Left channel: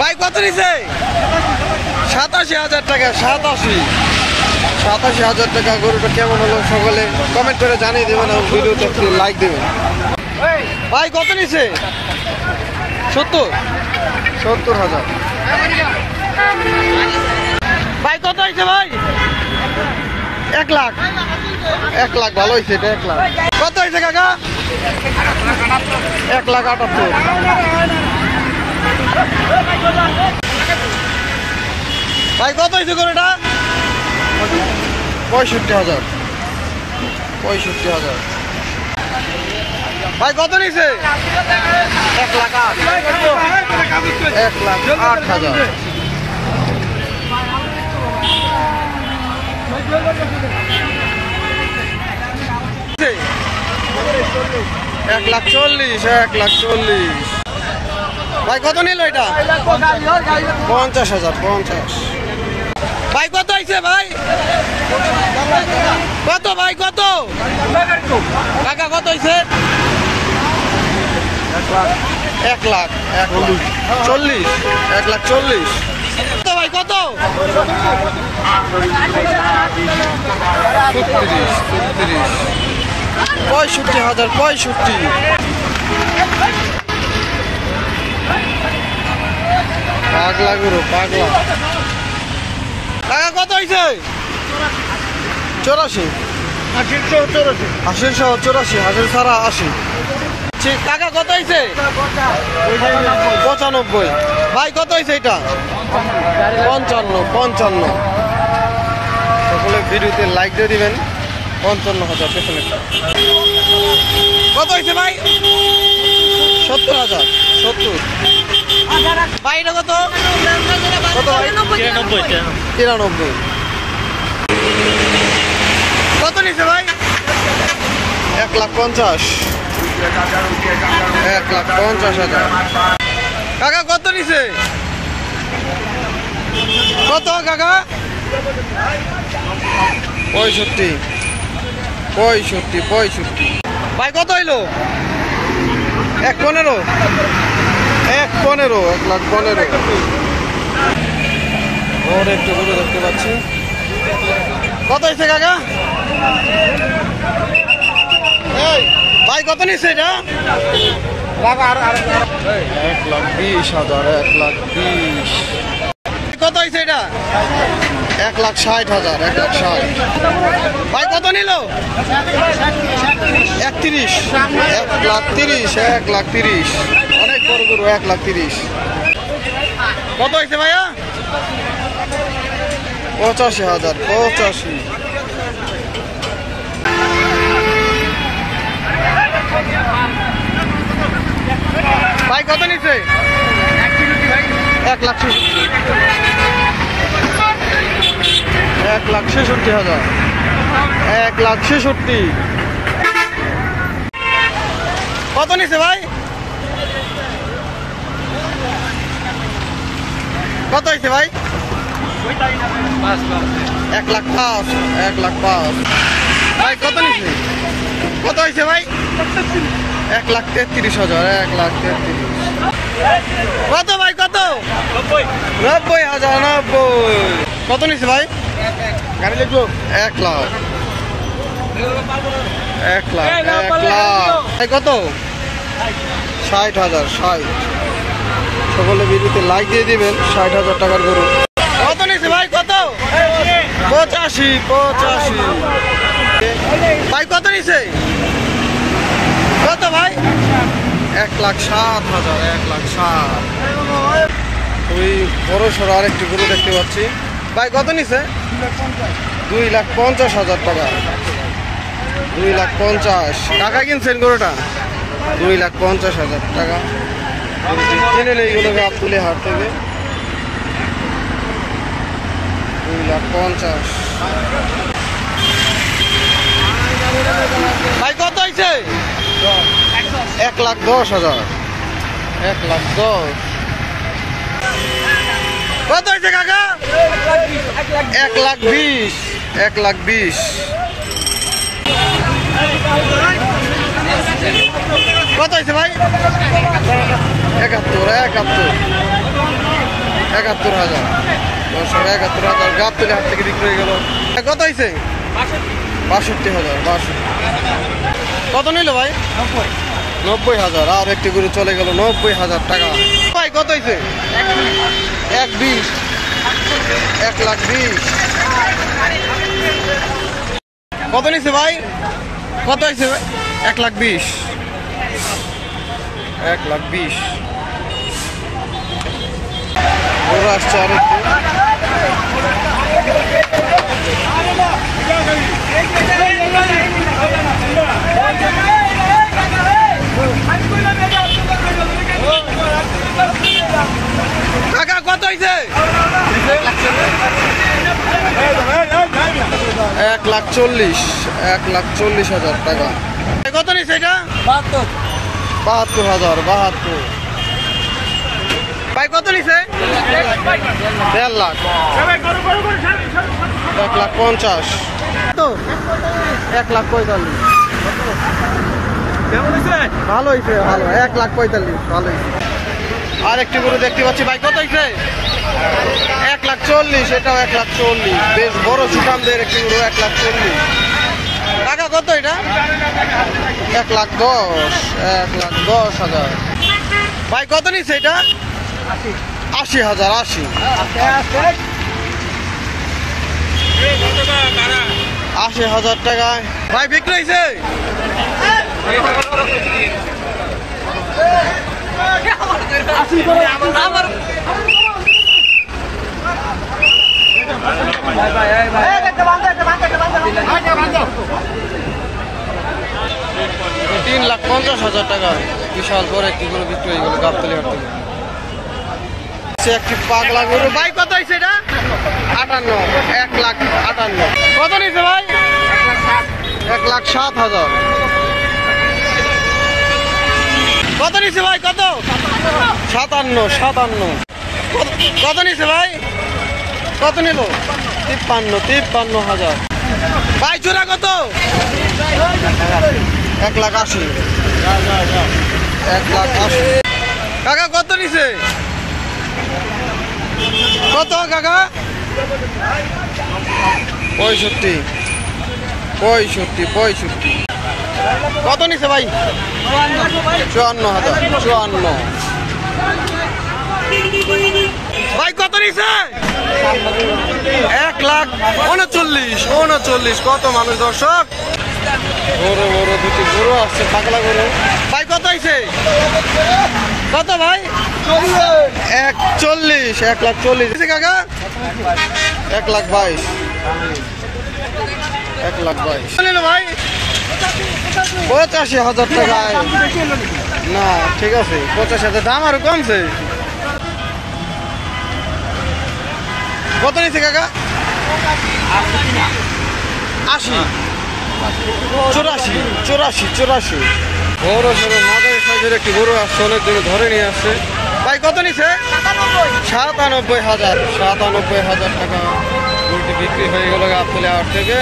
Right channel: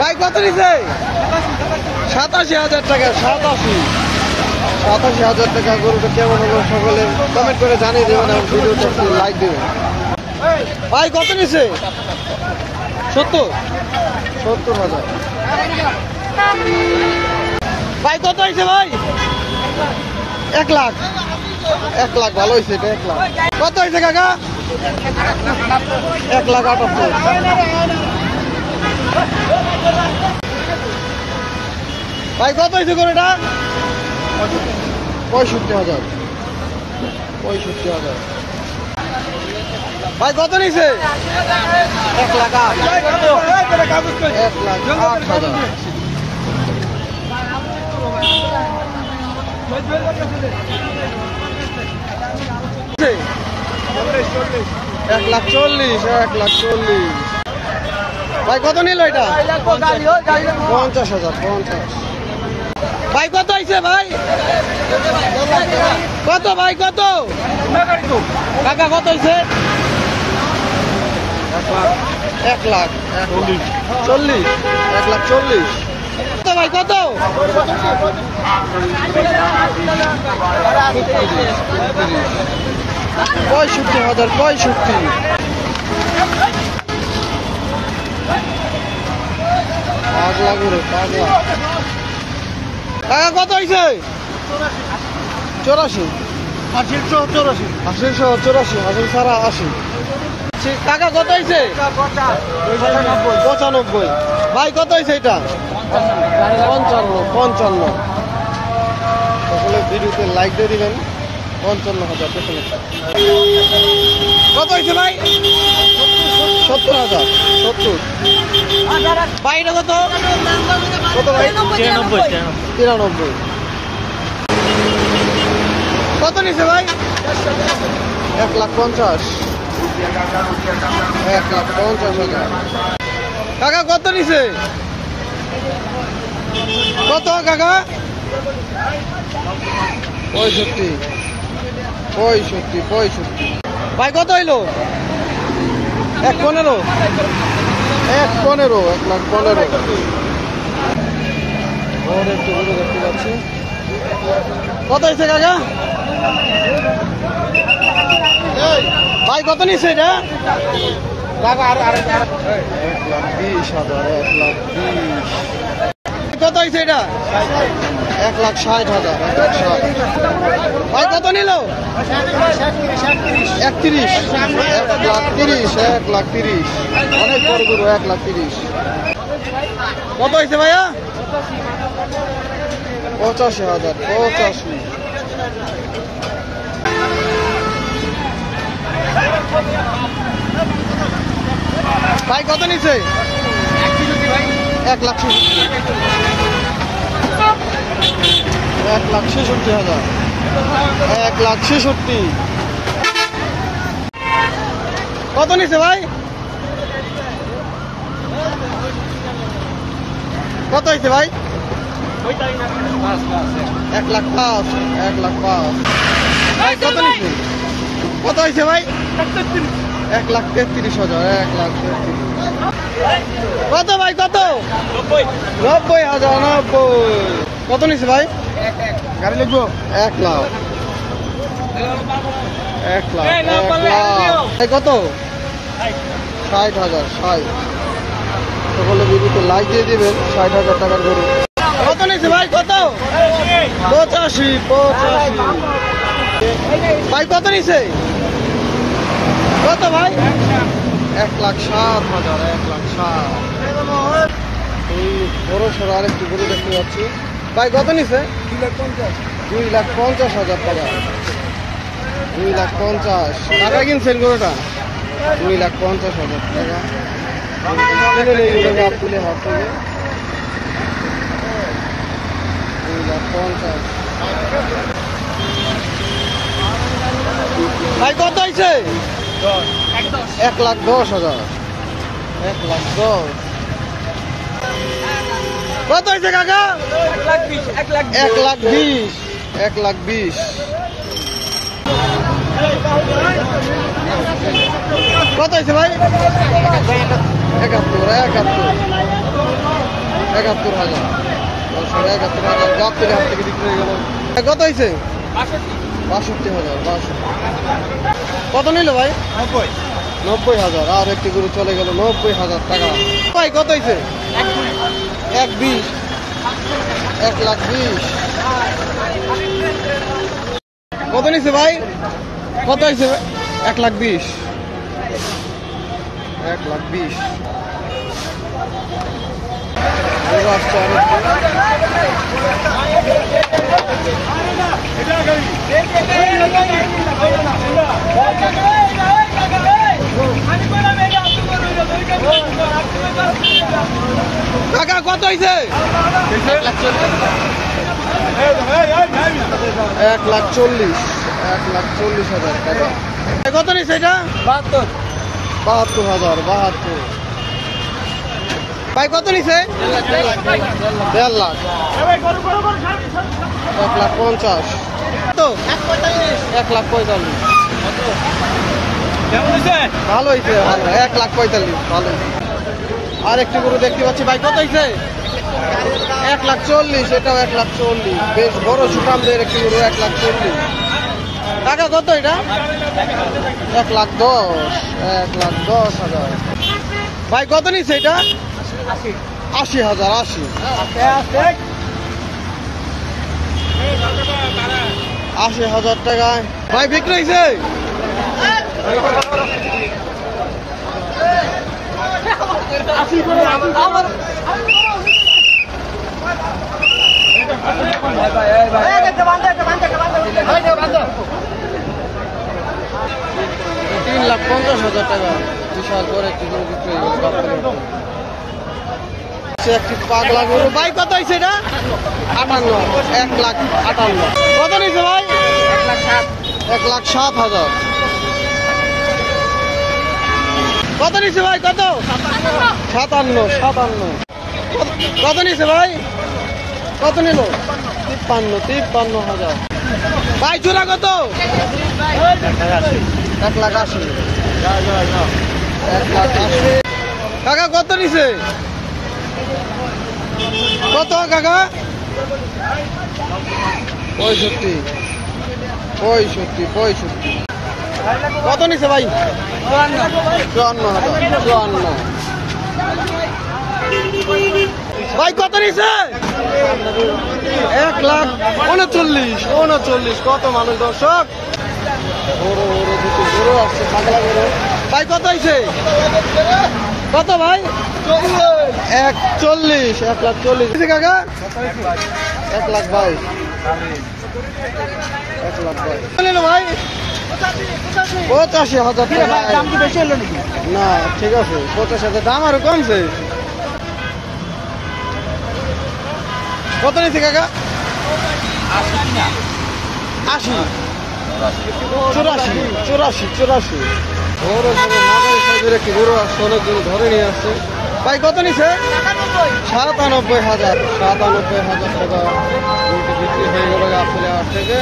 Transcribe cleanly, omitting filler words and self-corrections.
ভাই কত নিছে? 87,000 টাকা। 87,000 টাকা। গরুটা কেমন হলো সকলে কমেন্ট করে জানিয়ে দেবেন এবং ভিডিওতে লাইক দেবেন। ভাই কত নিছে? 70,000। ভাই কত হয়েছে ভাই? 1 লাখ। 1 লাখ ভালো হয়েছে এটা। 1 লাখ। কত হয়েছে কাকা? 1,78,000। ভাই কত হয়েছে গরুটা? 65,000। 65,000। ভাই কত নিছে? 1,08,000। 1,08,000। 1,40,000। 1,40,000। ভাই কত নিল এটা? 50,000। 50। ভাই কত হয়েছে ভাই? কত ভাই কত? কাকা কত হয়েছে? 1,40,000। 1,40,000। কত ভাই কত? 65,000। 65। পাগলা গুরু পাগলা। টাকা কত হয়েছে? 84। 80 হাসিল ছাড়া 80। টাকা কত হয়েছে? 95। ভাই কত হয়েছে এটা? 55। সকলে ভিডিওতে লাইক দিয়ে দিবেন। 55,000 পেছনে। কত হয়েছে ভাই? 70,000। 70। ভাই এটা কত? কত ভাই? 93। কত নিছে ভাই? 1,50,000। 1,50,000। কাকা কত নিছে? কত কাকা? 65। 65। ভাই কত হইলো? 1,15,000। 1,15,000। ওর একটু গরু দেখতে পাচ্ছি। কত হয়েছে কাকা? ভাই কত নিচ্ছে এটা? 1,20,000। 1,20,000। কত হয়েছে এটা? 1,60,000। 1,60,000। ভাই কত নিল? 31। 1,30,000। 1,30,000। অনেক বড় গরু। 1,30,000। কত হয়েছে ভাইয়া? 85,000। 85। ভাই কত নিচ্ছে? 1,66,000। 1,66,000। 1,66,000। কত নিচ্ছে ভাই? কত হয়েছে ভাই? 1,05,000। 1,05,000। ভাই কত নিচ্ছে? কত হয়েছে ভাই? 1,33,000। 1,33,000। কত ভাই কত? 90,000। 90। কত নিচ্ছে ভাই? 1 লাখ। 1 লাখ। 1 লাখ। ভাই কত? 60,000। 60। সকলে ভিডিওতে লাইক দিয়ে দিবেন। 60,000 টাকার গরু। কত নিচ্ছে ভাই? কত? 85। 85। ভাই কত নিচ্ছে? কত ভাই? 1,07,000। 1,07,000। ওই বড় সড়ো আরেকটি গরু দেখতে পাচ্ছি। ভাই কত নিচ্ছে? 2,50,000 টাকা। 2,50,000। টাকা কিনছেন গরুটা? 2,50,000 টাকা কিনে এইগুলো গাবতুলি হাট থেকে। 2,50,000। ভাই কত হয়েছে? 1,10,000। 1,10,000। কত হয়েছে কাকা? 1,20,000। 1,20,000। কত হয়েছে ভাই? 71। 71। ৭১,০০০ দর্শক, ৭১,০০০ গাবতলী হাট থেকে বিক্রি হয়ে গেল। কত হয়েছে? ৬২,০০০। কত নিল ভাই? ৯০,০০০। আর একটি গরু চলে গেল ৯০,০০০ টাকা। ভাই কত হয়েছে? ১,২০,০০০। ১,২০,০০০। কত নিচ্ছে ভাই? কত হয়েছে? ১,২০,০০০। ১,২০,০০০ গরু আসছে আর একটু। কাকা কত হয়েছে? ১,৪০,০০০ টাকা। কত নিচ্ছে এটা? ৭২,০০০। ৭২। ভাই কত নিচ্ছে? ১,৫০,০০০। ১,৫০,০০০। তো ১,৪৫,০০০। ভালো হয়েছে, ভালো। ১,৪৫,০০০ ভালো হয়েছে। আর একটি গরু দেখতে পাচ্ছি ভাই, কত হয়েছে? ১,৪০,০০০। এটাও ১,৪০,০০০। বেশ বড় সুঠামদের একটি গরু, ১,৪০,০০০ টাকা। কত এটা? ১,১০,০০০। ১,১০,০০০। ভাই কত নিচ্ছে এটা? ৮০,০০০। ৮০,০০০ টাকায় ভাই বিক্রি হয়েছে। তিন ৩,৫০,০০০ টাকা বিশাল বড় একটি গরু বিক্রি হয়ে গেল গাবতলী হাট থেকে। একটি পাগলা গরু। ভাই কত হয়েছে এটা? ৫৮,০০০। ১,৫৮,০০০। কত নিয়েছে ভাই? ১,০৭,০০০। কত নিয়েছে ভাই? কত? ৫৭,০০০। কত নিয়েছে ভাই? কত নিল? ৫৩,৫০,০০০। ভাই জোড়া কত? ১,৮০,০০০। ১,৮০,০০০। কাকা কত নিছে? কত কাকা? ৬৫,৬৫,৬৫। কত নিছে ভাই? ৫৪,০০০। ৫৪। ভাই কত নিছে? ১,৩৯,৩৯। কত মানুষ দর্শক? বড় বড় দুটো গরু আসছে, পাগলা গরু। ভাই কত হয়েছে? কত ভাই? ১,৪০,০০০। ১,৪০,০০০ কাকা? ১,২২,০০০। ১,২২,০০০ ভাই। ৮৫,০০০ টাকা। না ঠিক আছে, ৮৫,০০০। দাম আরো কমছে। কত নিচ্ছে কাকা? ৮০, ৮৪,৮৪,৮৪। বড় সড়ো মাঝারি সাইজের একটি গরু আসছে, অনেকদিন ধরে নিয়ে আসছে। ভাই কত নিচ্ছে? ৯৭,০০০। ৯৭,০০০ টাকা গরুটি বিক্রি হয়ে গেল গাবতলী হাট থেকে।